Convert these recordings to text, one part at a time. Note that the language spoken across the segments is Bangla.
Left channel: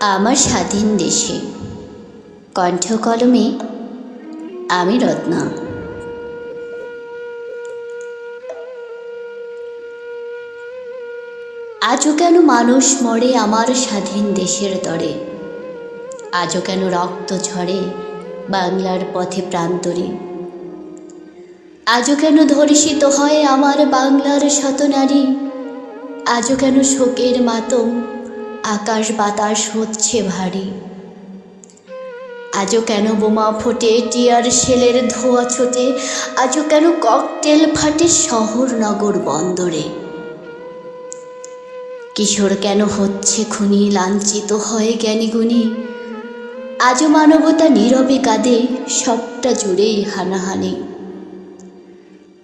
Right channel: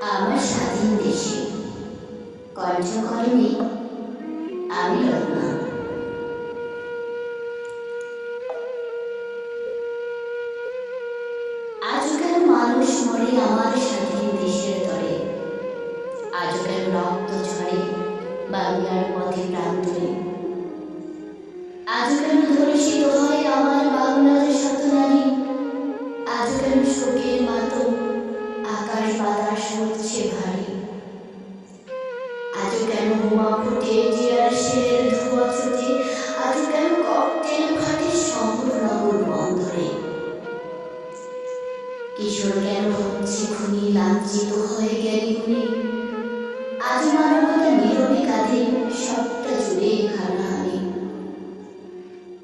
আমার স্বাধীন দেশে। কণ্ঠ কলমে আমি রত্না। আজও কেন মানুষ মরে আমার স্বাধীন দেশের তরে? আজও কেন রক্ত ঝরে বাংলার পথে প্রান্তরে? আজও কেন ধর্ষিত হয় আমার বাংলার শত নারী? আজও কেন শোকের মাতম আকাশ বাতাস হচ্ছে ভারী। আজও কেন বোমা ফোটে টিয়ার শেলের ধোয়া ছোটে আজও কেন ককটেল ফাটে শহর নগর বন্দরে? কিশোর কেন হচ্ছে খুনি, লাঞ্ছিত হয় জ্ঞানীগুণী আজও মানবতা নীরবে কাঁদে, সবটা জুড়ে হানাহানি।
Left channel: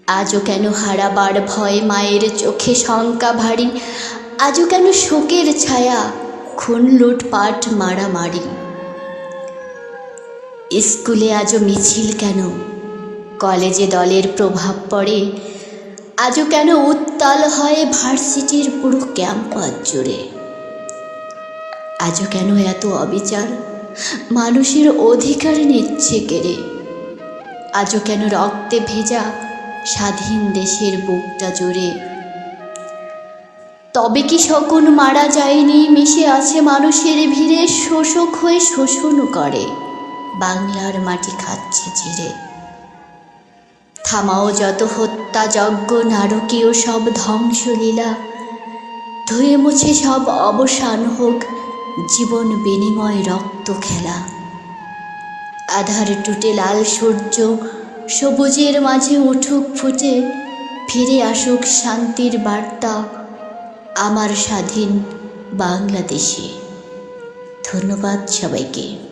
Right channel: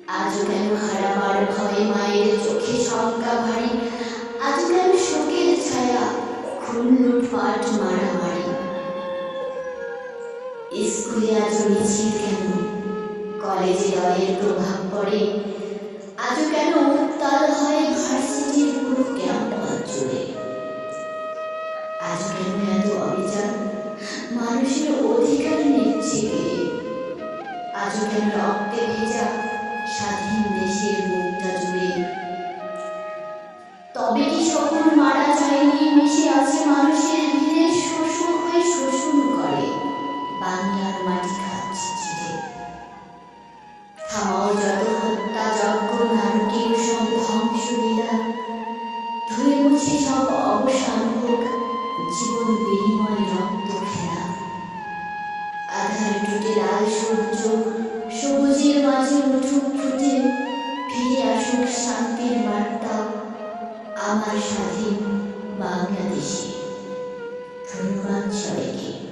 আজও কেন হারাবার ভয় মায়ের চোখে শঙ্কা ভারী? আজও কেন শোকের ছায়া, খুন লুটপাট মারামারি? স্কুলে আজও মিছিল কেন? কলেজে দলের প্রভাব পড়ে, আজও কেন উত্তাল হয় ভার্সিটির পুরো ক্যাম্পাস জুড়ে? আজও কেন এত অবিচার? মানুষের অধিকার নিচ্ছে কেড়ে? আজও কেন রক্তে ভেজা স্বাধীন দেশের বুকটা জুড়ে তবে কি শকুন মারা যায়নি? মিশে আছে মানুষের ভিড়ে, শোষক হয়ে শোষণ করে। বাংলার মাটি খাচ্ছে চিরে থামাও যত হত্যা যজ্ঞ, নারকীয় সব ধ্বংসলীলা। ধুয়ে মুছে সব অবসান হোক, জীবন বিনিময় রক্ত খেলা। আধার টুটে লাল সূর্য, সবুজের মাঝে উঠুক ফুটে, ফিরে আসুক শান্তির বার্তা আমার স্বাধীন বাংলাদেশে। ধন্যবাদ সবাইকে।